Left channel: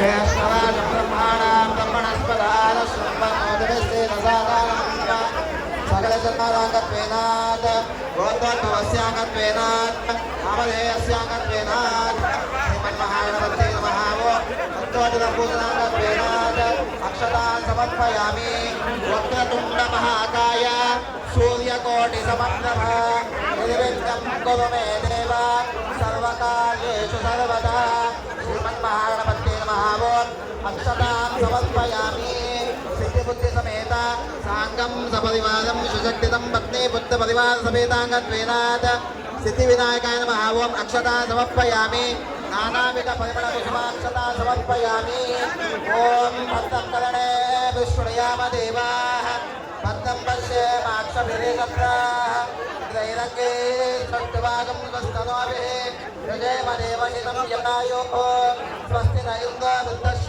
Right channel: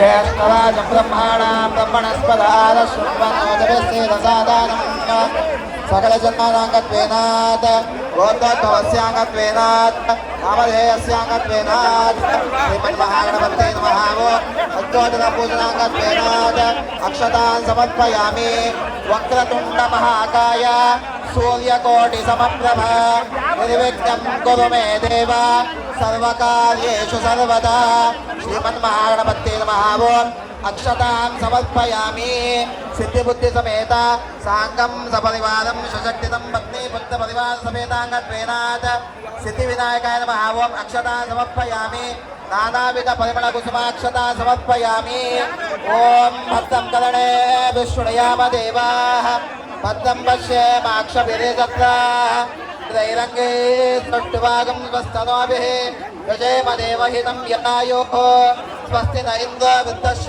ज्येष्ठराज ब्रह्माणां ब्रह्मणस्पदाय शुभमोदरस्तेरसादानं सकल जन्मानाङ्गत्वेनात् गोत्रत्वस्याङ्गत्वेनात् नामधेयस्याङ्गत्वेनात् श्रीमन्महागणपते नमः कुरु मे देव सर्वकार्येषु सर्वदा అక్షతాం సమర్పయామి సిద్ధిబుద్ధి సమేత సాంగం సపరివారం సుశక్తితం పత్ని బుద్ధ పరివార సమేతాంగత్వేనాత్ సిద్ధి వినాయకాయ నమ ఓం అక్షతా సమర్పయామి నానావిధ పరిమళ కుసుమాక్షత సమర్పయామి ఓం భద్రం కరణే విష్ణుయామ దేవా భద్రం పశ్యే మాక్ష విరేజత్రైరంగే సృష్టివాగం స్వస్తనోభిः విజయమదేవహితం యన్నాయోः స్వస్తి నైन्द्ర వృత్త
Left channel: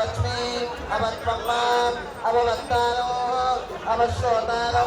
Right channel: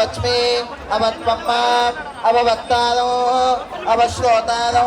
అవస్మే అవత్మ అవత్తారో అవశ్రోతారో